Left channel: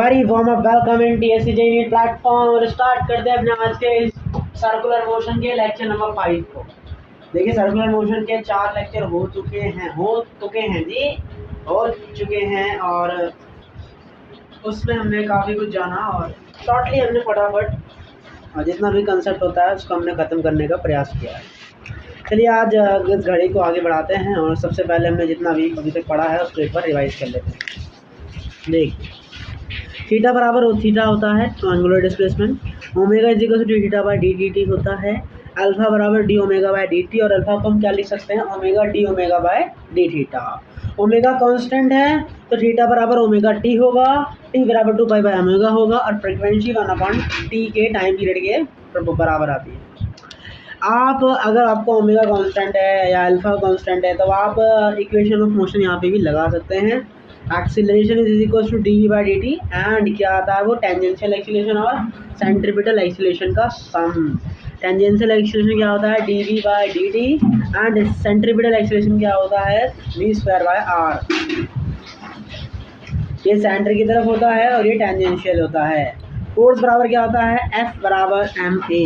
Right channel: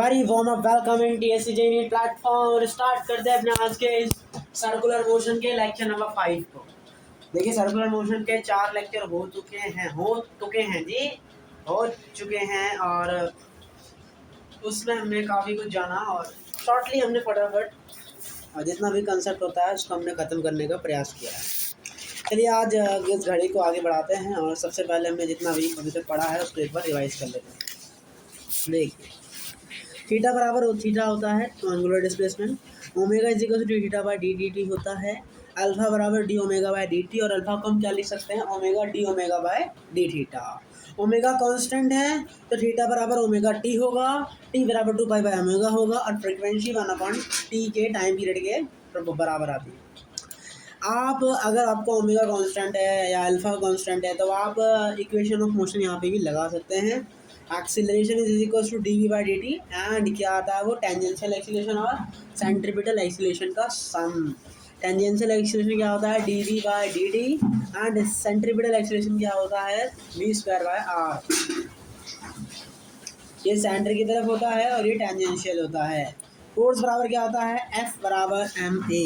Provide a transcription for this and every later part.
Very warm up welcome in TSC JEE platform और start करते हैं अपने आज के इस सर्कुलर मोशन के लेक्चर नंबर 5 को। देखिए सर्कुलर मोशन के 4 लेक्चर हो चुके हैं जी, हो चुके हैं और उसमें हमने काफ़ी कुछ जाना और शॉर्टली हमने फटाफट और जितना भी कंसेप्ट होता है उसको हमने ख़त्म करने का प्रयास किया है। चलिए आज इस घड़ी को आगे बढ़ाते हैं और सबसे पहले हमने जितना भी अभी तक पढ़ा है उसको एक बार रिवाइज कर लेते हैं। देखिए थीटा बराबर थीटा होता है तो angular displacement, omega is equal to theta by D T होता है, अल्फा बराबर D omega by D T और अल्फा को हम क्या लिख सकते हैं omega D omega by D theta. Omega constant है तो थीटा बराबर ओमेगा टी होगा, टी बराबर 2 पाई बाय ओमेगा होगा और फ्रीक्वेंसी 1/टी के टाइम पीरियड के बराबर आती है। आप अगर आपको ओमेगा कांस्टेंट है या अल्फा कांस्टेंट है तो आप इक्वेशन ऑफ मोशन यहाँ पे भी लगा सकते हैं। Acceleration is equal to D V by D T and क्या आता है वो टेंजेंशियल एक्सीलरेशन और सेंट्रीपिटल एक्सीलरेशन का सम। टेंजेंशियल एक्सीलरेशन क्या होता है D V by D T and centripetal acceleration क्या होता है वी स्क्वायर बाय आर। ये सेंटर की तरफ होता है और ये टेंजेंशियल होता है। फोर्स बराबर क्या होता है एफ बराबर एम ए,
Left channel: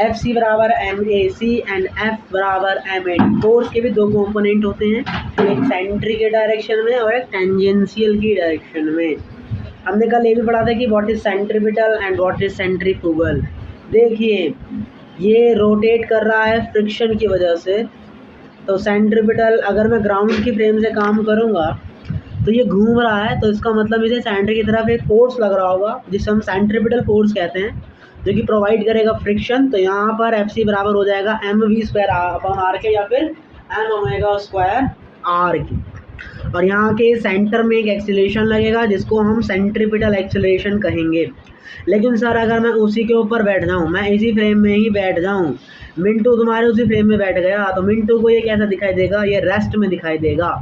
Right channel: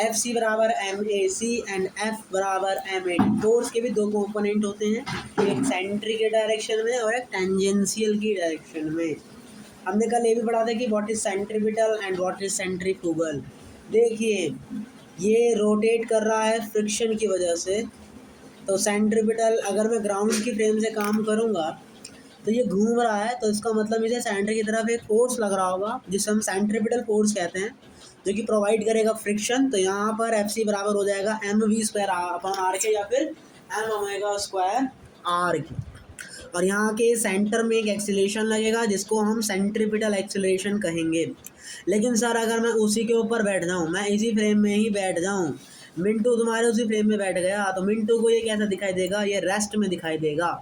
एफ सी बराबर M A C and F बराबर एम ए डी। फोर्स के भी दो कंपोनेंट होते हैं, एक सेंट्री के डायरेक्शन में और एक टेंजेंशियल की डायरेक्शन में। हमने कल ये भी पढ़ा था कि what is centripetal and what is centrifugal. देखिए ये रोटेट कर रहा है फ्रिक्शन की वजह से, तो सेंट्रीपिटल अगर मैं ग्राउंड की फ्रेम से काम करूँगा तो ये घूम रहा है तो इसका मतलब इसे सेंटर की तरफ एक फोर्स लग रहा होगा जिसे हम सेंट्रीपिटल फोर्स कहते हैं जो कि प्रोवाइड करेगा फ्रिक्शन। तो यहाँ पर एफ सी बराबर हो जाएगा M V square upon R के या फिर एम ओमेगा स्क्वायर आर की। और यहाँ के सेंटर में एक एक्सीलरेशन लगेगा जिसको हम सेंट्रीपिटल एक्सीलरेशन कहेंगे। लेकिन सर अगर मैं उसी के ऊपर बैठ जाऊँ, मैं इसी फ्रेम में ही बैठ जाऊँ, मिंटू तुम्हारे उसी फ्रेम में बैठ गया तो मिंटू को ये कैसा दिखाई देगा, ये रेस्ट में दिखाई देगा।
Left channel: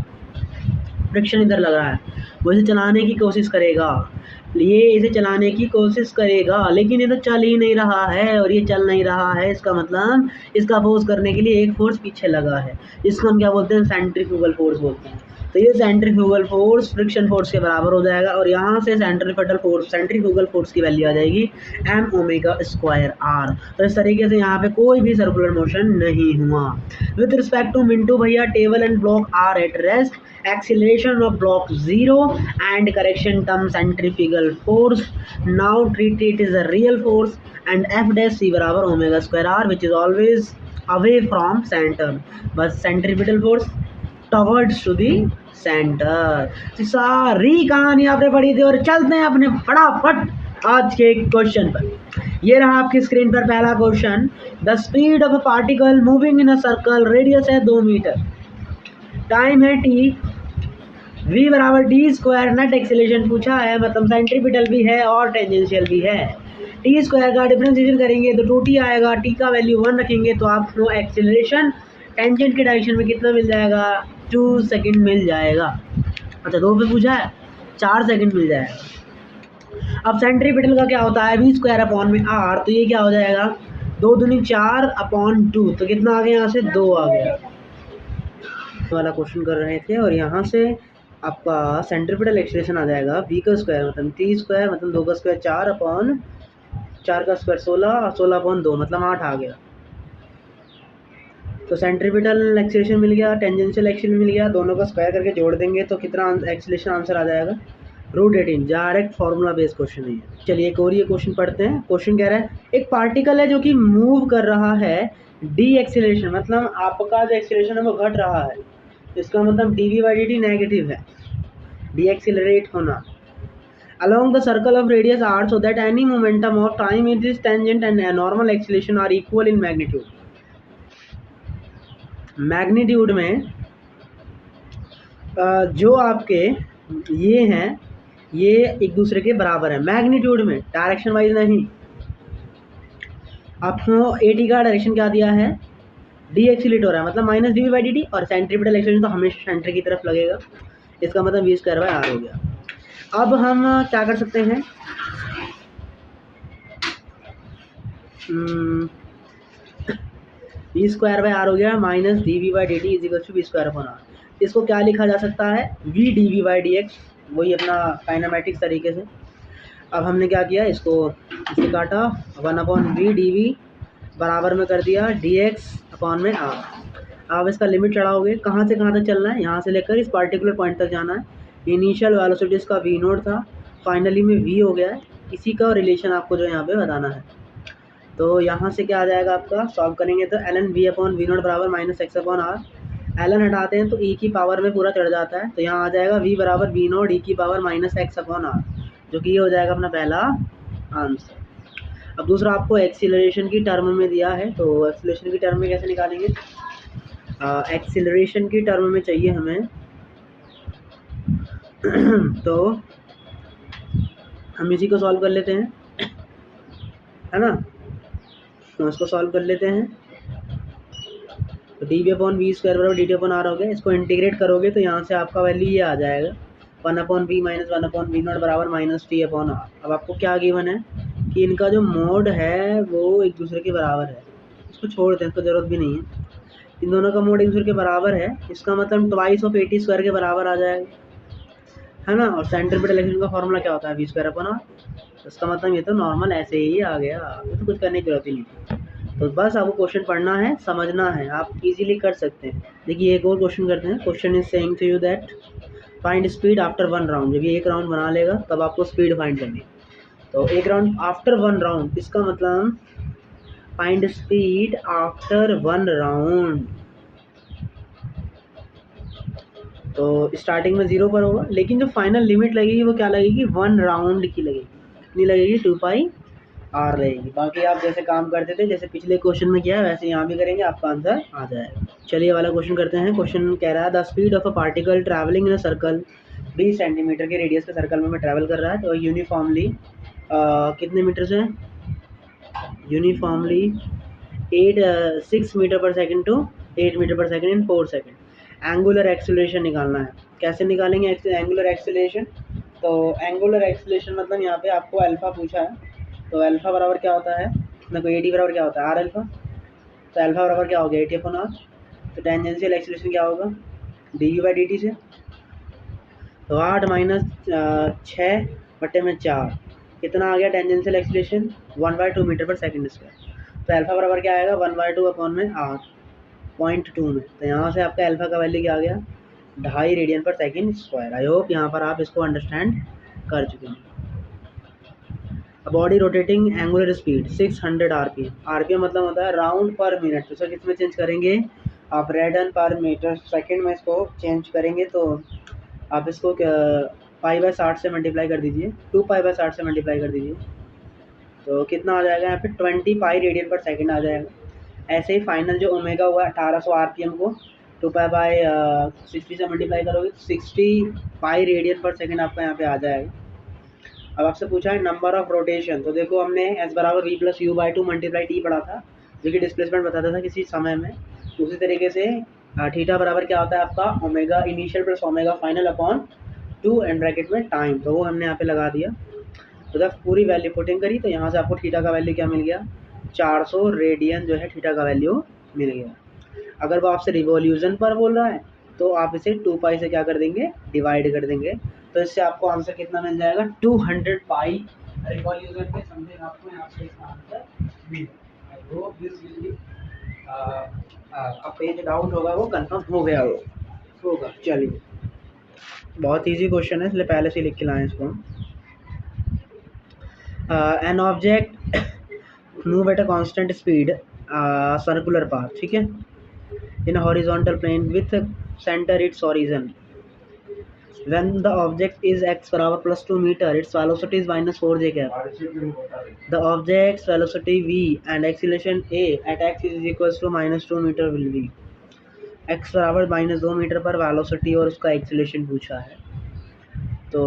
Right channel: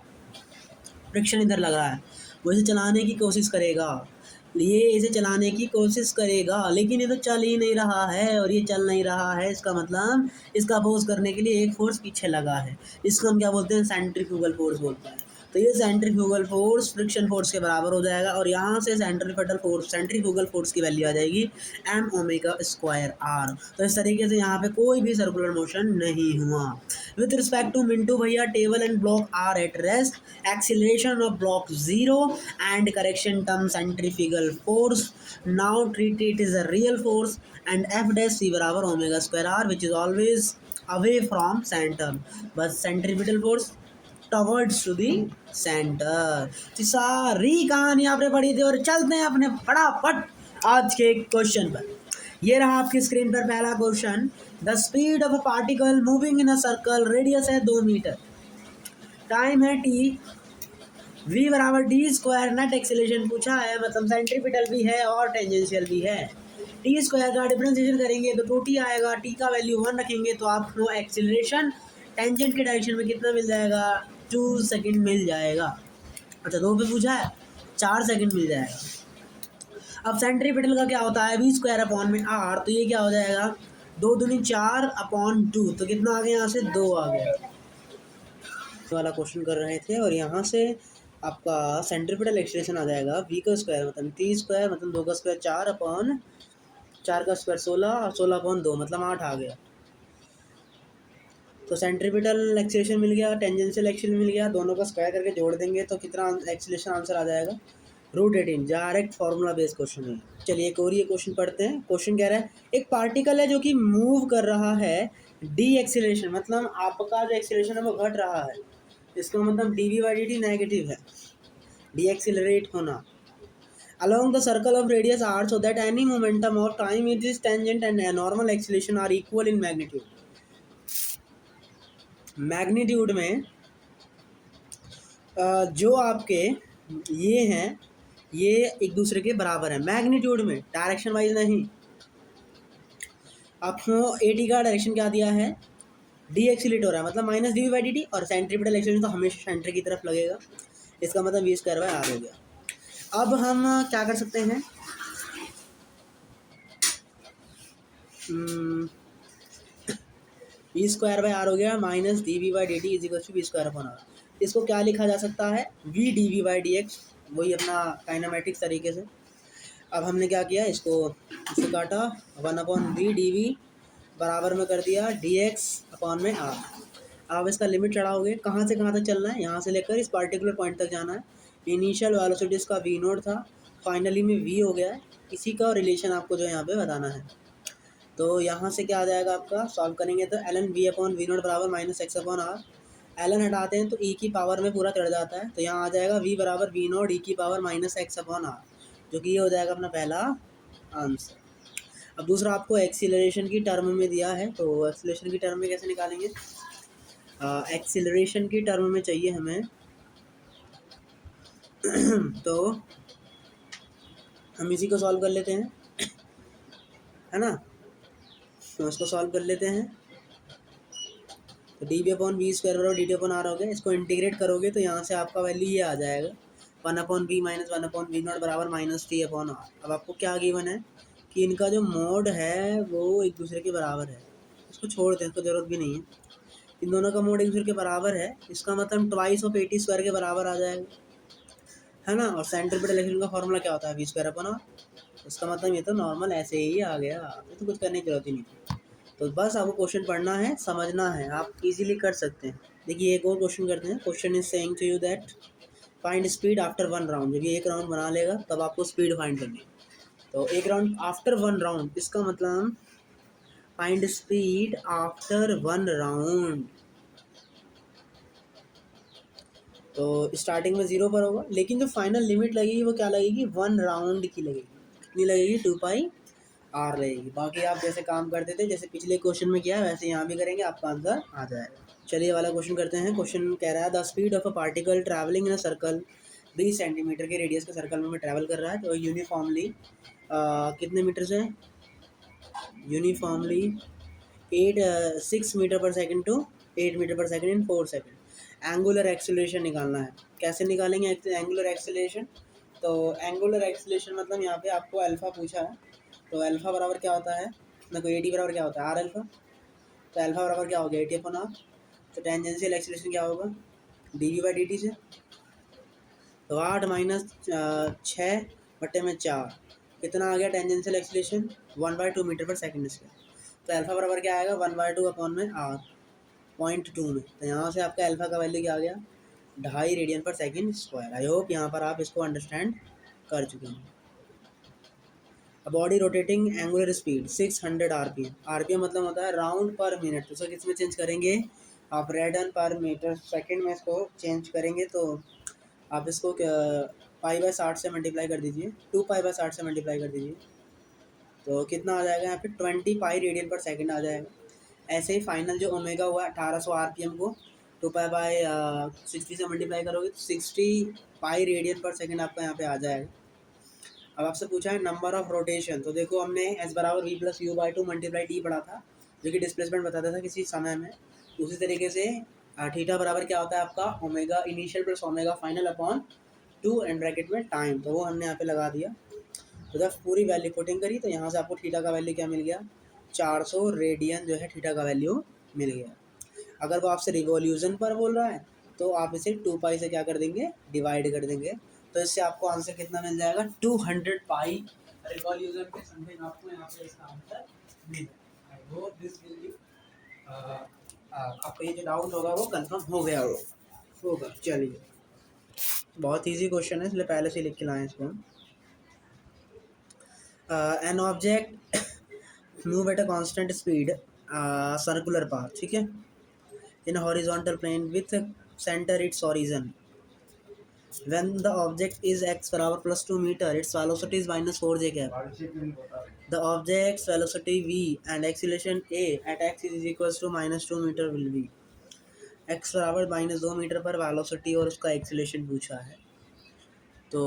फ्रिक्शन इधर लग रहा है, वो इसे चलाने की कोशिश करेगा, ये इसे चलाने की कोशिश करेगा लेकिन ये तो चल ही नहीं रहा है और ये चल नहीं रहा है। इसका मतलब इसका अपोज करने के लिए एक फोर्स पीछे लगा है, इसको हम क्या बोलते हैं सेंट्रीफ्यूगल फोर्स बोलते हैं। तो ये सेंट्रीफ्यूगल फोर्स फ्रिक्शन फोर्स के बराबर हो जाएगा और यहाँ से सेंट्रीफ्यूगल फोर्स की वैल्यू आ जाएगी एम ओमेगा स्क्वायर आर। तो इस तरीके से यहाँ पे कोई भी सर्कुलर मोशन नहीं हुआ। विथ रिस्पेक्ट टू मिंटू भैया table and block are at rest, acceleration of block 0 and correction term centrifugal force now treat it is a real force and f dash c बराबर omega square R which is always away from center, बस centripetal force towards to the center. तो सारी कहानी आपने पढ़ी थी और चलते हैं अपने फटाफट आज के क्वेश्चन पर। ये रहा आपकी स्क्रीन पर पहला question. The speed of a particle moving in a circle, radius है 2 मीटर, टाइम है टी, v बराबर डी स्क्वायर, नेट एक्सीलरेशन पूछा है मतलब सेंट्रीपिटल भी है और टेंजेंशियल भी है। टी स्क्वायर का डिफरेंशिएशन करेंगे तो 2t आएगा, टी का वैल्यू 1 रखेंगे तो आपको एक्सीलरेशन टेंजेंट के डायरेक्शन में कितना मिल जाएगा 2 सेकंड मिल जाएगा। अच्छा 2 पे पूछा है 4 सेकंड मिल जाएगा। अब सेंट्रीपिटल का क्या होता है v स्क्वायर अपॉन में r, तो ये क्या हो जाएगा 2 दूनी 4 अपॉन 2, तो कितना आ गया यहाँ से 2 आ गया वाला क्वेश्चन कर रहे थे। और यहाँ से आपका सेंट्रीपिटल एक्सीलरेशन आ जाएगा v का स्क्वायर मतलब t स्क्वायर मतलब 2 का स्क्वायर 4 अपॉन 4 का स्क्वायर 16 और 16 अपॉन 2 मतलब 8 आ गया। तो सेंट्रीपिटल एक्सीलरेशन मिल गया, टेंजेंशियल एक्सीलरेशन मिल गया, दोनों का स्क्वायर करके जोड़ देंगे तो कितना एक्सीलरेशन आंसर आ जाएगा √18। डायरेक्ट फार्मूला बेस्ड क्वेश्चन है। चलिए एक और ये क्वेश्चन पढ़ते हैं। क्वेश्चन कह रहा है एक पार्टिकल है जो कि मूव कर रहा है डी एक्सीलरेशन, मतलब आपका जो एक्सीलरेशन है वो घट रहा है, इसका मतलब D V by D T negative है, डी एक्सीलरेट होना along the circle of radius r so that any momentum of time in this tangent and normal acceleration are equal in magnitude। Magnitude में जो आपके ये हैं ये एक दूसरे के बराबर है मैग्नीट्यूड में, डायरेक्शन वाइज नहीं। आपको ए टी का डायरेक्शन क्या दिया है डी एक्सीलेट हो रहा है मतलब minus D V by D T और सेंट्रीपिटल एक्सीलरेशन तो हमेशा सेंटर की तरफ लगेगा, इसका मतलब वी स्क्वायर बाय आर हो गया। अब हम क्या कर सकते हैं वी स्क्वायर बाय आर हो गया minus D V by D T is equal to V square upon R. इसको क्या लिखा जा सकता है V D V by D X, वही अपना काइनेमेटिक्स तरीके से। अब हमने क्या किया, इसको इसे काटा, 1/v बराबर में कर दिया dx/r। आप इसका लिमिट चढ़ाओगे, कहाँ से कहाँ तक चलना है, यहाँ से लेकर इस पार्टिकुलर पॉइंट तक जाना है। इनिशियल वेलोसिटी इसका v नोट था, फाइनली में v हो गया है। इसी का रिलेशन आपको जो यहाँ पे बताना है। तो यहाँ से क्या आ जाएगा आपका, सॉल्व करेंगे तो ln v/v नोट बराबर -x/r। ln हटाते हैं तो e की पावर में पूरा चढ़ जाता है, तो यहाँ आ जाएगा v बराबर v नोट e की पावर -x/r, जो कि ये हो जाएगा अपना पहला आंसर। अब दूसरा आपको एक्सीलरेशन की टर्म में दिया है, तो एक्सीलरेशन की टर्म में कैसे निकालेंगे, एक्सीलरेशन की टर्म में चाहिए हमें तो हम इसी को सॉल्व कर लेते हैं, है ना। तो इसको सॉल्व कर लेते हैं, तो dv/v² बराबर dt/r हो गया। इसको इंटीग्रेट करोगे तो यहाँ से आपका वैल्यू ये आ जाएगा 1/v - 1/v नॉट बराबर -t/r। अब आपको क्या गिवन है कि इनका जो मोड है वो एक दूसरे के बराबर है। इसको छोड़ दें, इसको ज़रूरत भी नहीं है। इन दोनों का मोड एक दूसरे के बराबर है, इसका मतलब ट्वाइस ऑफ 80² के बराबर आ जाएगा, है ना। और सेंट्रीपिटल एक्शन का फॉर्मूला क्या होता है, v²/r। इसका मतलब ये तो नॉर्मल ऐसे ही आ गया, ये तो कुछ करने की जरूरत ही नहीं थी। तो बस आपको क्वेश्चन पढ़ना है, समझना है, आप इजीली कर सकते हैं। देखिए एक और क्वेश्चन करते हैं। Question is saying to you that find speed after 1 round. जब ये एक राउंड बना लेगा तब आपको स्पीड फाइंड करनी है। तो एक राउंड आफ्टर 1 राउंड, इसका मतलब फाइंड स्पीड आफ्टर 1 राउंड। तो स्टार्टिंग में 0 पर होगा, लेकिन जो फाइनल लिमिट लगेगी वो क्या लगेगी, 1 राउंड की लगेगी। कितनी लगेगी, 2πr लगेगी। बाकी आप जैसे काम करते थे, जैसे पिछले क्वेश्चन में किया है, वैसे यहाँ भी करेंगे, आपका आंसर आ जाएगा। चलिए वाला क्वेश्चन करते हैं। क्वेश्चन कह रहा है the speed of a particle travelling in a circle 20 centimetre के रेडियस के सर्कल में ट्रैवल कर रहा है, तो यूनिफॉर्मली कितने मीटर से, यूनिफॉर्मली 6 मीटर पर सेकेंड टू 8 मीटर पर second in 4 second. Angular acceleration निकालना है। कैसे निकालेंगे एंगुलर एक्सेलरेशन, तो एंगुलर एक्सेलरेशन मतलब यहाँ पे आपको अल्फ़ा पूछा है, तो अल्फ़ा बराबर क्या होता है, देखो ए टी बराबर क्या होता है, आर अल्फ़ा। तो अल्फ़ा बराबर क्या हो गया, AT/r। तो टेंजेंशियल एक्सेलरेशन क्या होगा, dU/dt से। तो 8 - 6/4 कितना आ गया टेंजेंशियल एक्सेलरेशन, 1/2 मीटर पर सेकेंड स्क्वायर। तो अल्फ़ा बराबर क्या आएगा, 1/2/r 0.2 में। तो यहाँ से आपका अल्फ़ा का वैल्यू क्या आ गया, 2.5 रेडियन पर सेकेंड स्क्वायर। आई होप यहाँ पर आप इसको अंडरस्टैंड कर चुके हैं। Body rotating angular speed 600 RPM। RPM मतलब होता है राउंड पर मिनट, तो सर किस में चेंज करेंगे, आप रेडियन पर मीटर सेकेंड में इसको चेंज करेंगे। तो आप इसको π/60 से मल्टीप्लाई कर दीजिए, 2π/60 से मल्टीप्लाई कर दीजिए, तो कितना आ जाएगा यहाँ पे 20 पाई रेडियन पर सेकेंड आ जाएगा। ऐसे ही फाइनल जो ओमेगा हुआ 1800 RPM को 2π/60 से मल्टीप्लाई करोगे तो 60 पाई रेडियन पर सेकेंड आपका यहाँ पे आ जाएगा। अब आपसे पूछा है नंबर ऑफ रोटेशन, तो देखो हमने s बराबर v+u/2 मल्टीप्लाई t पढ़ा था, जो कि डिस्प्लेसमेंट बताता था किसी समय में। उसी तरीके से थीटा बराबर क्या होता है आपका, omega initial plus omega final upon 2 and bracket में टाइम, तो वो हमने यहाँ पे लगा दिया। तो जब पूरी वैल्यू पुटिंग करी तो यहाँ से आपको थीटा का वैल्यू क्या मिल गया, 400 रेडियन जो है थीटा का वैल्यू मिल गया। अगर वो आपसे रिवॉल्यूशन पर बोल रहा है तो आप इसे 2π से क्या कर देंगे, डिवाइड कर देंगे। तो इससे आपको आंसर कितना मिल जाएगा, 200 पाई रिवॉल्यूशन के समथिंग आपको यहाँ पे इसका आंसर मिल जाएगा। I hope this will be आपका जो डाउट होगा वो कंफर्म हो गया होगा। चलिए बहुत इजी क्वेश्चन है, इसलिए पहले से लिख के लाएं इसको। An object move at a constant speed circular path, ठीक है, in a horizontal plane with center its origin. When the object is x बराबर +2 meter, its velocity is -4j cap. The object's velocity v and acceleration a at x is equals to -2 meter will be। x बराबर -2 metre पर velocity और उसका acceleration पूछा है। तो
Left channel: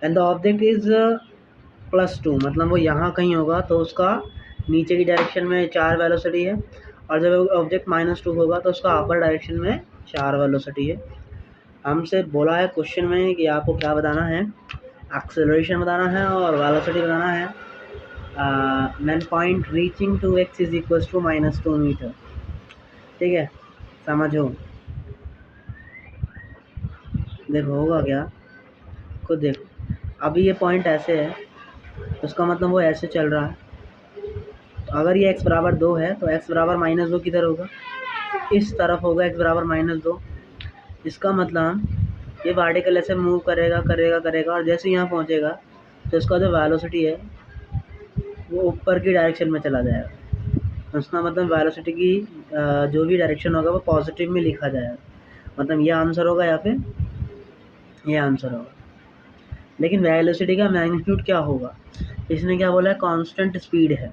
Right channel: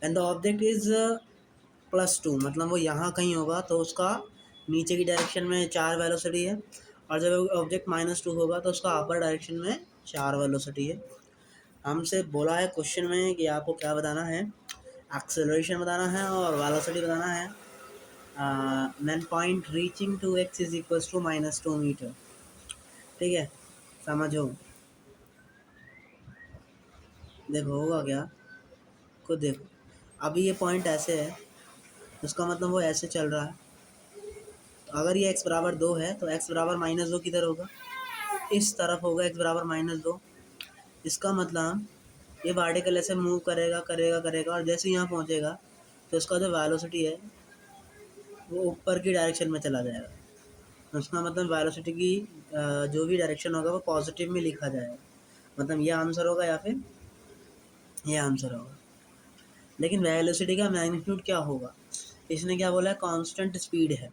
when the object is +2 मतलब वो यहाँ कहीं होगा, तो उसका नीचे की डायरेक्शन में 4 वेलोसिटी है, और जब ऑब्जेक्ट -2 होगा तो उसका अपर डायरेक्शन में 4 वेलोसिटी है। हमसे बोला है क्वेश्चन में कि आपको क्या बताना है, एक्सेलरेशन बताना है और वेलोसिटी बताना है। Man point reaching to x is equals to -2 meter, ठीक है, समझो। देखो होगा क्या, खुद देखो। अभी ये पॉइंट ऐसे है, उसका मतलब वो ऐसे चल रहा है। तो अगर ये x बराबर 2 है तो x बराबर -2 किधर होगा, इस तरफ होगा x बराबर -2। इसका मतलब ये वर्टिकल ऐसे मूव करेगा करेगा करेगा और जैसे यहाँ पहुँचेगा तो इसका जो वेलोसिटी है वो ऊपर की डायरेक्शन में चला जाएगा। उसका मतलब वेलोसिटी की जो भी डायरेक्शन होगा वो पॉजिटिव में लिखा जाएगा। मतलब ये आंसर होगा या फिर ये आंसर होगा। लेकिन वेलोसिटी का मैग्नीट्यूड क्या होगा, इसने क्या बोला है, कांस्टेंट स्पीड है।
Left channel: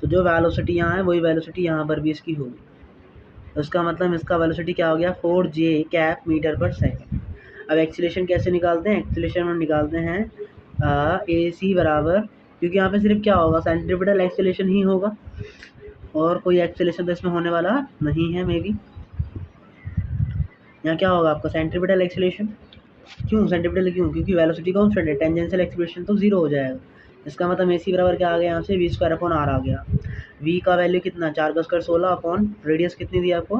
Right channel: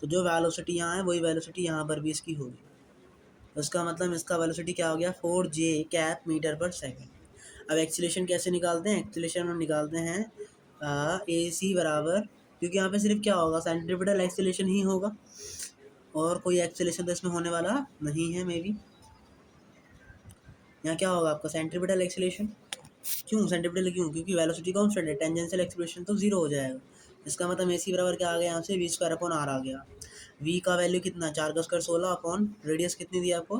तो जो वेलोसिटी यहाँ है वही वेलोसिटी यहाँ पर भी इसकी होगी। तो इसका मतलब इसका वेलोसिटी क्या हो गया, 4j कैप मीटर पर सेकंड। अब एक्सीलरेशन कैसे निकालते हैं, एक्सीलरेशन हम निकालते हैं ए सी बराबर, क्योंकि यहाँ पे सिर्फ क्या होगा, सेंट्रीपिटल एक्सीलरेशन ही होगा और कोई एक्सीलरेशन तो इसमें होने वाला नहीं है। मे बी यहाँ क्या होगा आपका सेंट्रीपिटल एक्सीलरेशन। क्यों सेंट्रीपिटल, क्यों, क्योंकि वेलोसिटी कांस्टेंट है, टेंजेंशियल एक्सीलरेशन तो जीरो हो जाएगा। इसका मतलब ए सी बराबर क्या आ गया, यहाँ से v² आ गया। v का वैल्यू कितना, 4 × 16 अपॉन रेडियस कितनी दी आपको,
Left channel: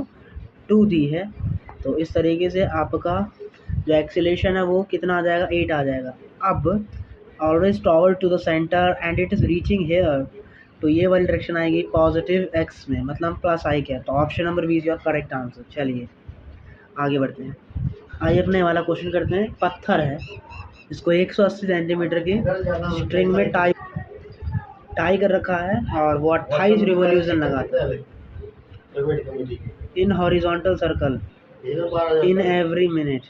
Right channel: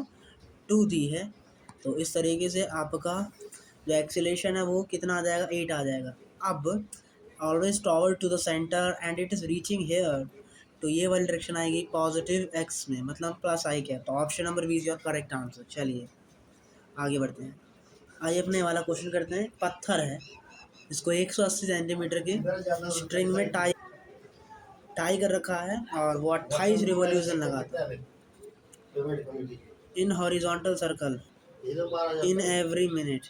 2 दी है। तो इस तरीके से आपका जो एक्सीलरेशन है वो कितना आ जाएगा, 8 आ जाएगा। अब always toward to the centre and it is reaching here, तो ये वाली डायरेक्शन आएगी पॉजिटिव x में, मतलब प्लस आई क्या। तो option number B is your correct answer. चलिए आगे बढ़ते हैं। आइए अपने वाला क्वेश्चन करते हैं। पत्थर है, इसको 180 सेंटीमीटर के स्ट्रिंग में टाई कर रखा है और वो 28 रिवॉल्यूशन लगाता है in horizontal circle in every minute.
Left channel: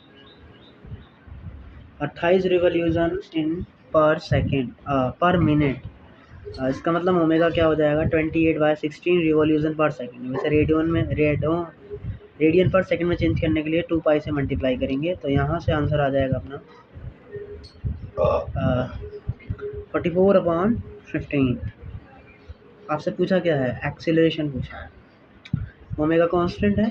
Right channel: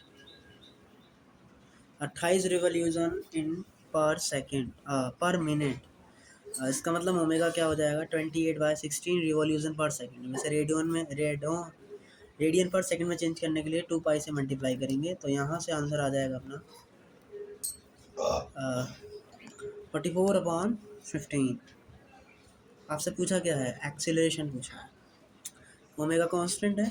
28 revolution in पर सेकेंड पर मिनट। इसका मतलब ओमेगा क्या हो जाएगा, 28/16 रिवॉल्यूशन पर सेकेंड। वैसे रेडियन पर सेकंड में चेंज करने के लिए 2 पाई से मल्टीप्लाई करेंगे, तो यहाँ से आंसर आ जाएगा अपना 44/15। आपसे पूछा क्या है, एक्सीलरेशन पूछा है, ओमेगा कांस्टेंट है,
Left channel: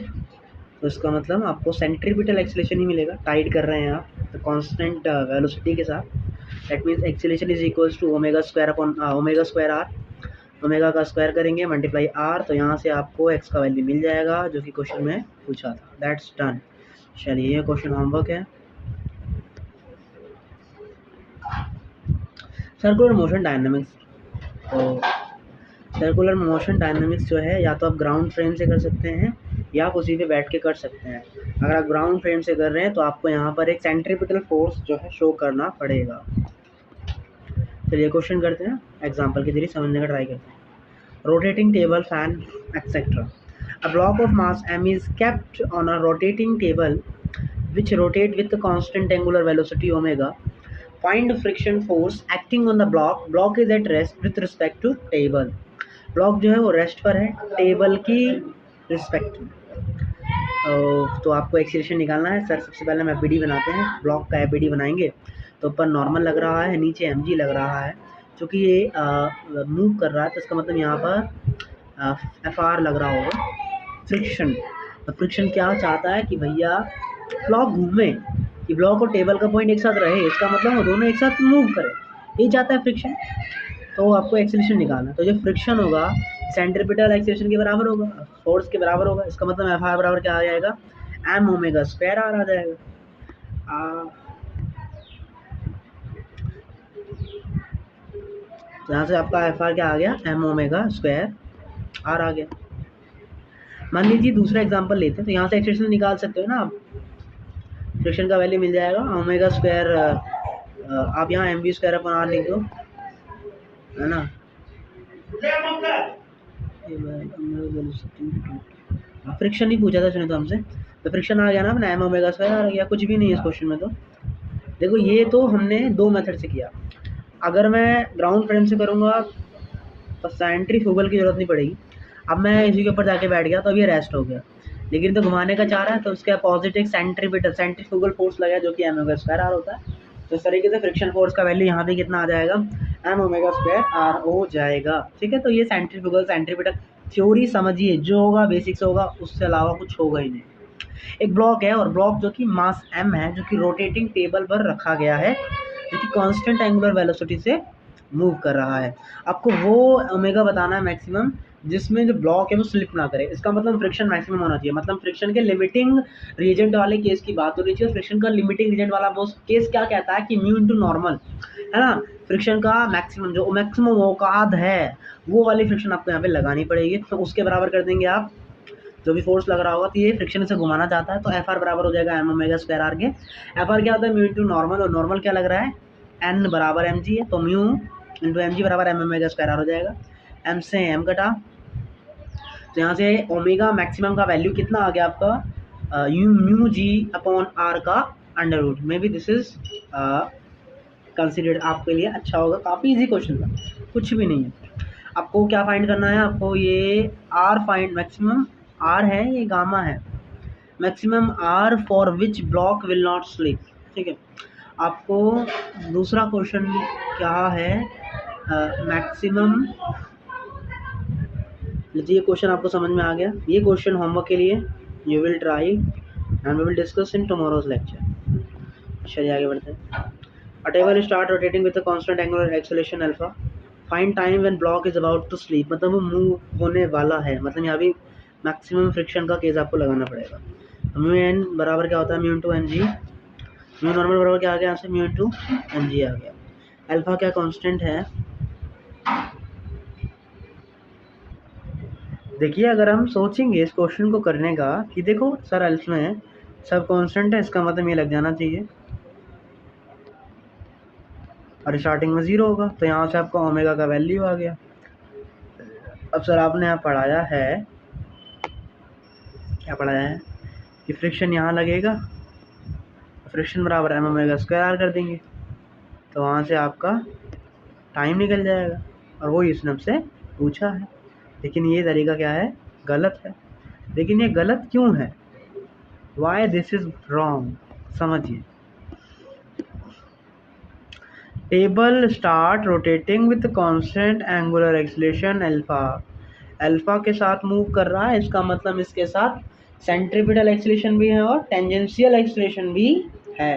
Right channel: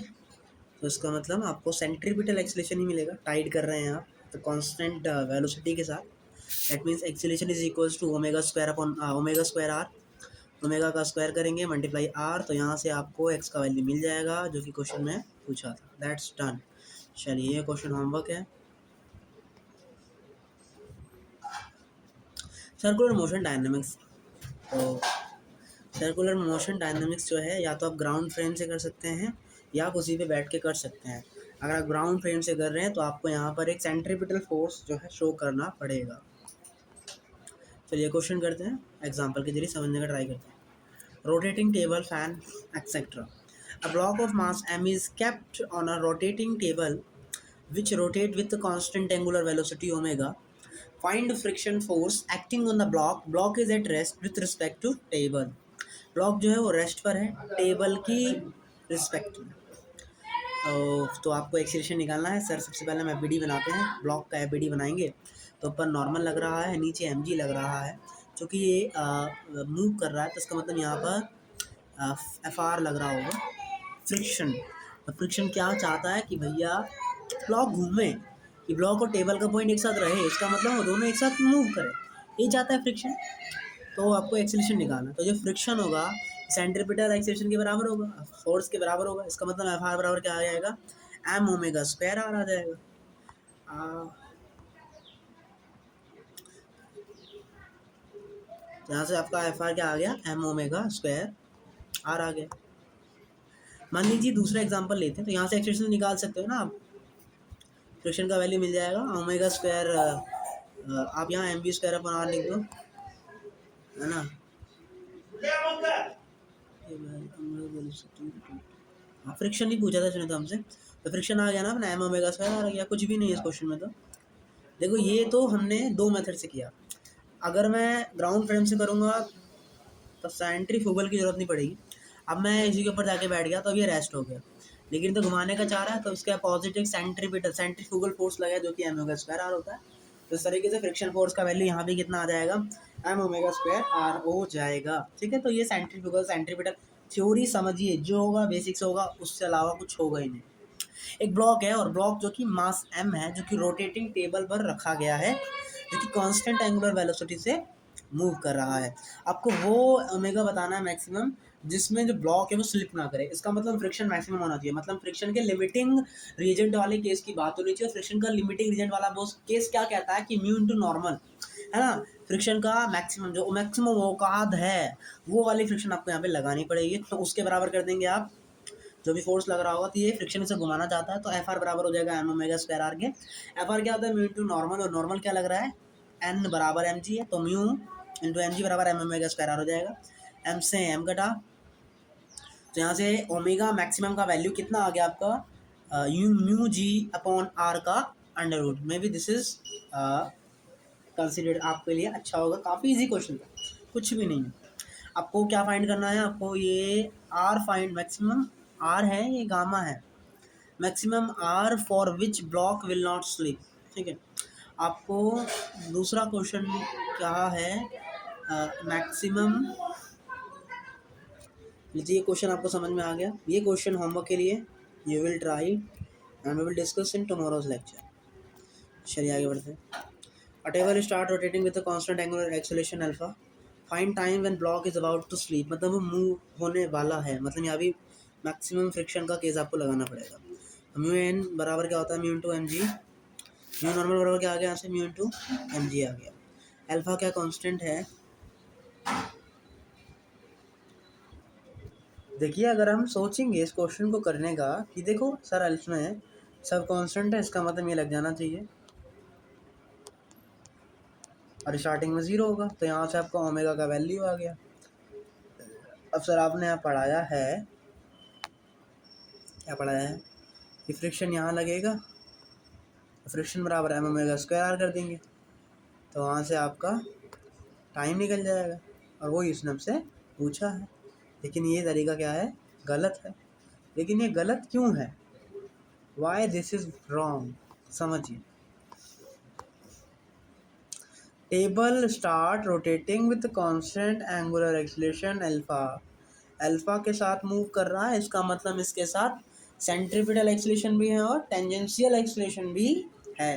तो इसका मतलब आपको सेंट्रीपिटल एक्सीलरेशन ही मिलेगा। टाइड कर रहे हैं आप तो कांस्टेंट वेलोसिटी के साथ, that means acceleration is equals to ओमेगा² आर। ओमेगा का स्क्वायर करेंगे मल्टीप्लाई आर, तो यहाँ से आपको एक्स का वैल्यू मिल जाएगा जो कि क्वेश्चन में पूछा था। That's done. चलिए ये क्वेश्चन होमवर्क है। सर्कुलर मोशन डायनामिक्स, तो सर्कुलर मोशन डायनामिक्स जो है या तो आप ग्राउंड फ्रेम से कर सकते हैं या आप उसी पे बैठ के कर सकते हैं। अगर आप ग्राउंड फ्रेम से कर रहे हैं तो आपको यहाँ पर एक सेंट्रीपिटल फोर्स जो है शो करना पड़ेगा। चलिए क्वेश्चन करते हैं, एग्जाम्पल के जरिए समझने का ट्राई करते हैं। Rotating table, fan, etc. A block of mass m is kept on a rotating table which rotate with a constant angular velocity omega. Find friction force acting on the block. Block is at rest with respect to table. Block जो है वो rest पर है table की respect में। तो आपको acceleration निकालना है। सर सबसे पहले हम एपीडी बनाते हैं, ब्लॉक का एपीडी बनाएंगे। तो ऊपर नॉर्मल लग रहा है, नीचे एमजी लग रहा है। चूँकि ये मूव कर रहा है तो इसका मतलब यहाँ पर एफआर लग रहा होगा, फ्रिक्शन। फ्रिक्शन क्या चाहता है कि भैया ब्लॉक घूमे, कि ब्लॉक और टेबल का पॉइंट एक साथ रहे, इसका मतलब वो दोनों एक साथ मूव करें, यही चाहता है फ्रिक्शन। तो आपको एक्सीलरेशन निकालना है। तो जो फ्रिक्शन होगा सेंट्रीपिटल एक्सीलरेशन के बराबर होगा, फोर्स के बराबर होगा। इसका मतलब एफ आर बराबर क्या आ जाएगा, एम ओमेगा स्क्वायर आर आ जाएगा। तो यहाँ से आपका एफ आर क्या आ गया, एम ओमेगा स्क्वायर आर आ गया। मान लीजिए दूसरा एग्जांपल लेते हैं, तो यहाँ से एक्सप्रेशन निकाल सकते हो ना आप, फ्रिक्शन का वैल्यू मिल जाएगा ओमेगा स्क्वायर, आप यहाँ M B square upon R लिख दो, है ना। फ्रिक्शन ही पूछा था सुने तो हमसे, तो फ्रिक्शन आ गया ना अपना, एम ओमेगा स्क्वायर आ गया। कुछ भी नहीं है इस क्वेश्चन में। तो देखो ये तो हमने दो मेथड से किया। अगर मैं ग्राउंड फ्रेम से करूँगा तो सेंट्रीफ्यूगल की ज़रूरत नहीं पड़ेगी। अब मैं इसी के ऊपर जाके बैठ गया तो अब ये रेस्ट हो गया, लेकिन तो घुमाने का चाह रहा है तो उसके अपोजिट एक सेंट्रीफ्यूगल फोर्स लगा जो कि एम ओमेगा स्क्वायर आर होता है। तो इस तरीके से फ्रिक्शन फोर्स का वैल्यू यहाँ पे कितना आ जाएगा, एम ओमेगा स्क्वायर आर हो जाएगा। ठीक है, तो ये सेंट्रीपिटल थ्योरी समझिए, जो होगा बेसिक्स होगा, उससे अलावा कुछ होगा ही नहीं। एक ब्लॉक है और ब्लॉक जो कि मास m है, जो कि रोटेटिंग टेबल पर रखा गया है, जो कि कांस्टेंट एंगुलर वेलोसिटी से मूव कर रहा है। आपको वो ओमेगा बताना है मैक्सिमम जिसमें जो ब्लॉक है वो स्लिप ना करे। इसका मतलब फ्रिक्शन मैक्सिमम होना चाहिए, मतलब फ्रिक्शन के लिमिटिंग रीजेंट वाले केस की बात हो रही चाहिए। फ्रिक्शन का लिमिटिंग रीजेंट वाला वो केस क्या कहता है कि म्यू इंटू नॉर्मल, है ना। फ्रिक्शन का मैक्सिमम जो मैक्सिमम औकात है वो वाली फ्रिक्शन आपको यहाँ पे लगानी पड़ेगी। तो उसके बराबर कर देंगे आप जो भी फोर्स लग रहा होगा, तो ये फ्रिक्शन से घुमाना चाहता है, तो एफ आर बराबर हो जाएगा एम ओमेगा स्क्वायर आर के। एफ आर क्या होता है म्यू इंटू नॉर्मल, और नॉर्मल क्या लग रहा है एन बराबर एम जी है, तो म्यू इंटू एम जी बराबर एम ओमेगा स्क्वायर आर हो जाएगा। एम से एम कटा, तो यहाँ से ओमेगा मैक्सिमम का वैल्यू कितना आ गया आपका u mu g upon r का under root. Maybe this is considered आपके लिए अच्छा होगा, काफ़ी इजी क्वेश्चन था, कुछ भी नहीं है। आपको क्या फाइंड करना है, आपको ये आर फाइंड मैक्सिमम आर है, ये गामा है, maximum R for which block will not slip, ठीक है। आपको दूसरा क्वेश्चन क्या है मैक्सिमम, लीजिए ये क्वेश्चन आपको समझ में आ गया। ये क्वेश्चन होमवर्क के लिए you will try and we will discuss in tomorrow's lecture. चलिए आगे बढ़ते हैं। A table start rotating with a constant angular acceleration alpha. Find time when block is about to sleep. मतलब वो मूव होने वाला है, मतलब यहाँ भी मैक्सिमम फ्रिक्शन का केस आपको लगाना पड़ेगा। म्यू एन बराबर क्या होता है mu into M G, mu normal बराबर क्या आ गया यहाँ से म्यू इंटू एम जी आ गया। अल्फा क्या कांस्टेंट है, देखिए अगर हम सोचेंगे इस क्वेश्चन को करने का कि देखो सर अल्फा है सब कांस्टेंट है, इसका मतलब ये लग जाना चाहिए और स्टार्टिंग में 0 होगा, तो यहाँ से आपका ओमेगा का वैल्यू आ गया। अब सर आपने यहाँ पढ़ाया है, क्या पढ़ाया है कि फ्रिक्शन यहाँ लगेगा, फ्रिक्शन बराबर एम ओमेगा स्क्वायर आर कर देंगे, तो वहाँ से आपका टाइम निकल जाएगा, और वही इसने हमसे पूछा है। लेकिन ये तरीका क्या है, गलत है। लेकिन ये गलत क्यों है, वाई दिस इज रॉन्ग, समझिए। Table start rotating with constant angular acceleration alpha, alpha के साथ मूव कर रहा है, इसका मतलब इसके साथ सेंट्रीपिटल एक्सीलरेशन भी है और टेंजेंशियल एक्सीलरेशन भी है।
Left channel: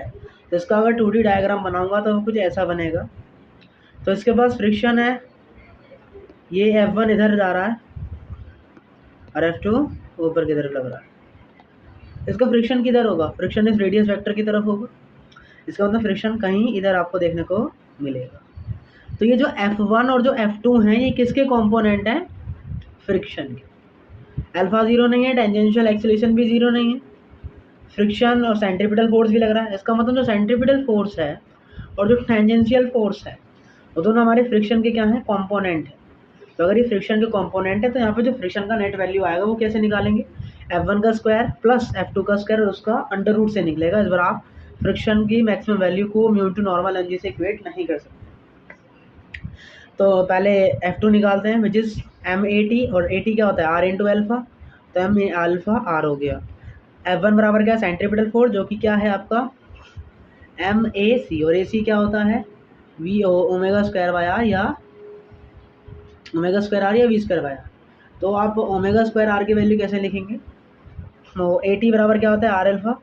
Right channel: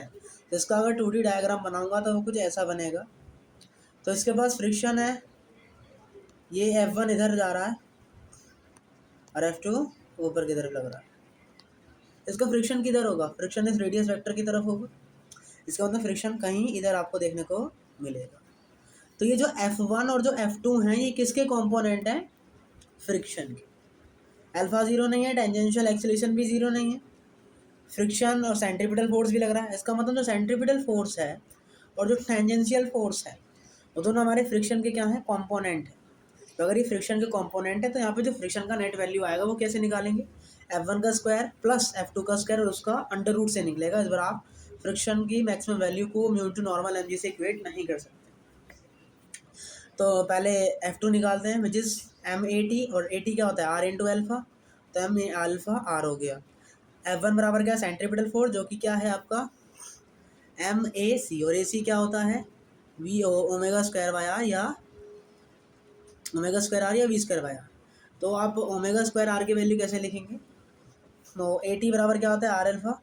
तो इसका अगर 2D डायग्राम बनाऊंगा तो कुछ ऐसा बनेगा। तो इसके पास फ्रिक्शन है, ये F1 इधर जा रहा है और F2 ऊपर की तरफ लग रहा है। इसका फ्रिक्शन किधर होगा, फ्रिक्शन इस रेडियस वेक्टर की तरफ होगा, इसका मतलब फ्रिक्शन कहीं इधर आपको देखने को मिलेगा। तो ये जो F1 और जो F2 हैं ये किसके कंपोनेंट हैं, फ्रिक्शन के। अल्फा 0 नहीं है, टेंजेंशियल एक्सीलरेशन भी 0 नहीं है, फ्रिक्शन और सेंट्रीपिटल फोर्स भी लग रहा है। इसका मतलब जो सेंट्रीपिटल फोर्स है और जो टेंजेंशियल फोर्स है वो दोनों हमारे फ्रिक्शन के क्या हैं, कंपोनेंट है। तो अगर ये फ्रिक्शन के कंपोनेंट है तो यहाँ पे जो फ्रिक्शन का नेट वैल्यू आएगा वो कैसे निकालेंगे, F1 का स्क्वायर प्लस F2 का स्क्वायर और उसका अंडर रूट से निकलेगा। इस बार आप फ्रिक्शन की मैक्सिमम वैल्यू को mu to normal M G से इक्वेट नहीं कर सकते। तो पहले F2 निकालते हैं विच इज़ M80, और 80 क्या होता है आर इंटू एल्फा, तो एम अल्फा आर हो गया। F1 बराबर क्या है सेंट्रीपिटल फोर्स जो कि क्या है आपका MAC, और AC क्या होता है V omega square by R या ओमेगा स्क्वायर आर या वी स्क्वायर बाय आर। तो आप ओमेगा स्क्वायर आर की वैल्यू कैसे लिखेंगे, तो 80 बराबर क्या होता है R alpha.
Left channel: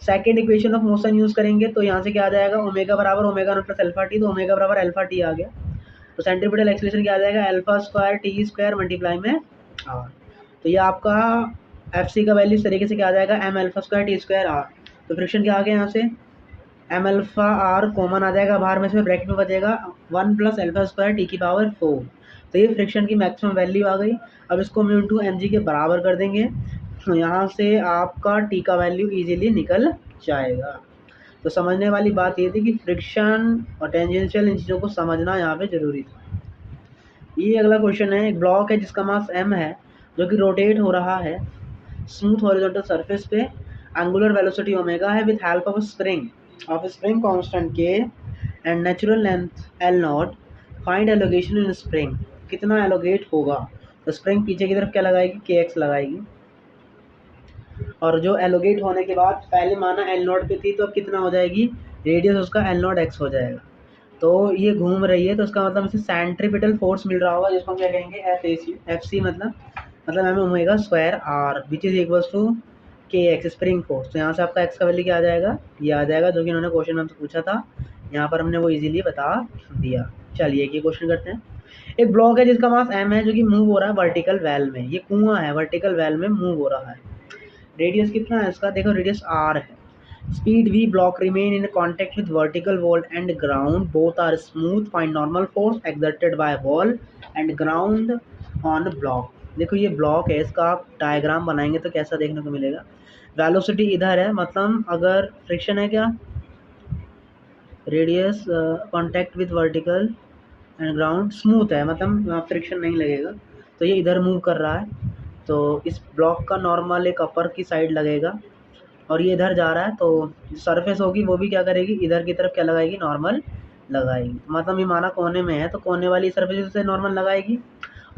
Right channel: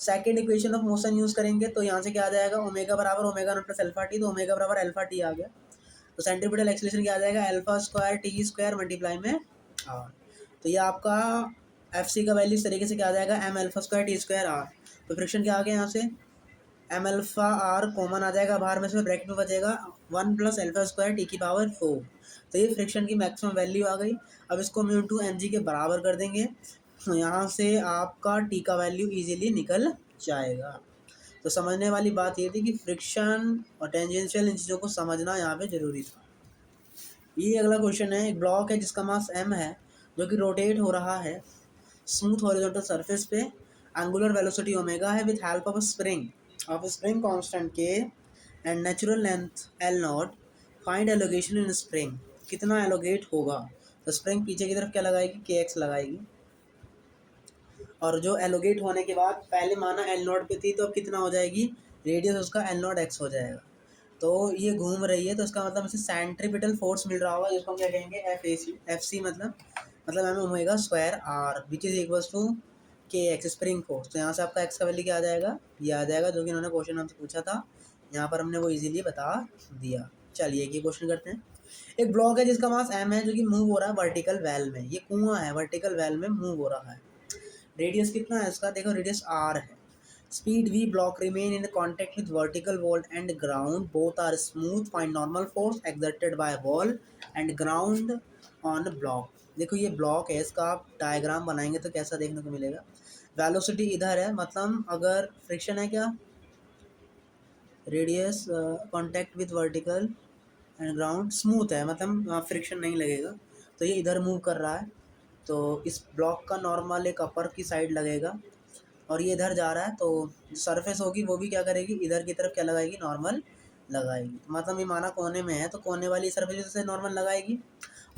Second equation of motion use करेंगे तो यहाँ से क्या आ जाएगा ओमेगा बराबर omega not plus alpha T, तो ओमेगा बराबर अल्फा टी आ गया। तो सेंट्रीपिटल एक्सीलरेशन क्या आ जाएगा alpha square T square multiply में आर। तो ये आपका एफ सी का वैल्यू इस तरीके से क्या आ जाएगा M alpha square T square R. तो फ्रिक्शन क्या आ गया यहाँ से एम अल्फा आर कॉमन आ जाएगा बाहर में से, ब्रैकेट में बचेगा 1 प्लस अल्फा स्क्वायर टी की पावर 4। तो ये फ्रिक्शन की मैक्सिमम वैल्यू आ गई। अब इसको म्यू टू एम जी के बराबर कर देंगे, तो यहाँ से आपका टी का वैल्यू इजीली निकल जाएगा। तो समझने वाली बात ये थी कि फ्रिक्शन और टेंजेंशियल इन चीज़ों को समझना यहाँ पे ज़रूरी था। ये अगला क्वेश्चन है, एक ब्लॉक है जिसका मास m है जो कि रोटेट हो रहा है स्मूथ हॉरिजॉन्टल सरफेस पे, एंगुलर वेलोसिटी ओमेगा है with help of spring constant k and natural length L0। Find allocation in spring, कितना एलोगेट होगा। तो स्प्रिंग पीछे की तरफ क्या लगाएगी kx लगाएगी, और जो एलोगेट होने के बाद पहले माना L0 पे थी तो अब कितना हो जाएगी रेडियस उसका L0x हो जाएगा। तो ये घूम रही है तो उसका मतलब इसे सेंट्रीपिटल फोर्स मिल रहा होगा जिसको हम क्या कहेंगे एफ सी, मतलब M omega square R which is equals to K X spring force. तो यहाँ से आपका एक्स का वैल्यू क्या आ जाएगा, ये आ जाएगा जो कि उन्होंने क्वेश्चन हमसे पूछा था, यहाँ पर हमने वो इजीली बता दिया। चलिए एक ये क्वेश्चन करते हैं। एक ब्लॉक है जिसका मास m है जो कि मूव हो रहा है वर्टिकल वेल में। ये कुआं है, वर्टिकल वेल में मूव हो रहा है। रेडियस कितना है इसका, देखो रेडियस r है। Speed v, block remain in contact with vertical wall and ground, both are smooth, find normal force exerted by wall and ground on block. देखो ये ब्लॉक है, इसका आप डायग्राम बनाएंगे तो कैसा देखने को मिलेगा। वेलोसिटी इधर है, मतलब अगर फ्रिक्शन है क्या, radius contact with vertical and ground smooth है, मतलब वहाँ फ्रिक्शन नहीं लगेगा। तो ये इधर मूव कर रहा है, तो इस ब्लॉक का नॉर्मल एक अपर की साइड लगेगा और ये इधर जा रहा है, तो जो सरफेस होगी वो भी क्या करेगी, इधर की तरफ क्या लगाएगी, नॉर्मल लगाएगी। मतलब ये माना कोने में है तो कोने वाली सरफेस से नॉर्मल लगाएगी,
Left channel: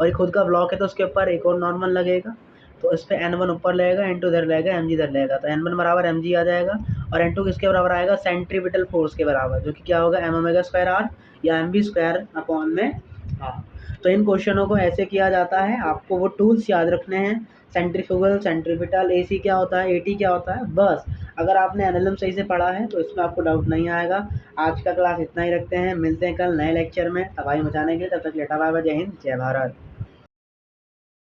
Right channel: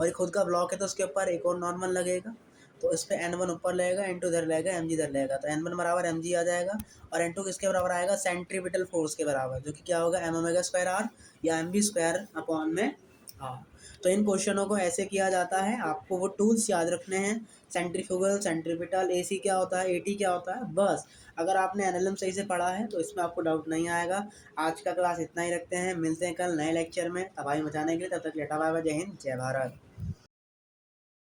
और ये खुद का ब्लॉक है तो उसके ऊपर एक और नॉर्मल लगेगा। तो इस पर N1 ऊपर लगेगा, N2 इधर लगेगा, Mg इधर लगेगा, तो N1 बराबर Mg आ जाएगा। और N2 किसके बराबर आएगा, सेंट्रीपिटल फोर्स के बराबर, जो कि क्या होगा, M ओमेगा स्क्वायर आर या एम बी स्क्वायर अपॉन में हाँ। तो इन क्वेश्चनों को ऐसे किया जाता है, आपको वो टूल्स याद रखने हैं। सेंट्रीफ्यूगल, सेंट्रीपिटल, AC क्या होता है, AT क्या होता है, बस। अगर आपने एनालिसिस सही से पढ़ा है तो इसमें आपको डाउट नहीं आएगा। आज का क्लास इतना ही रखते हैं, मिलते हैं कल नए लेक्चर में तबाही मचाने के लिए। तब तक लेटा बाय बाय, जय हिंद जय भारत।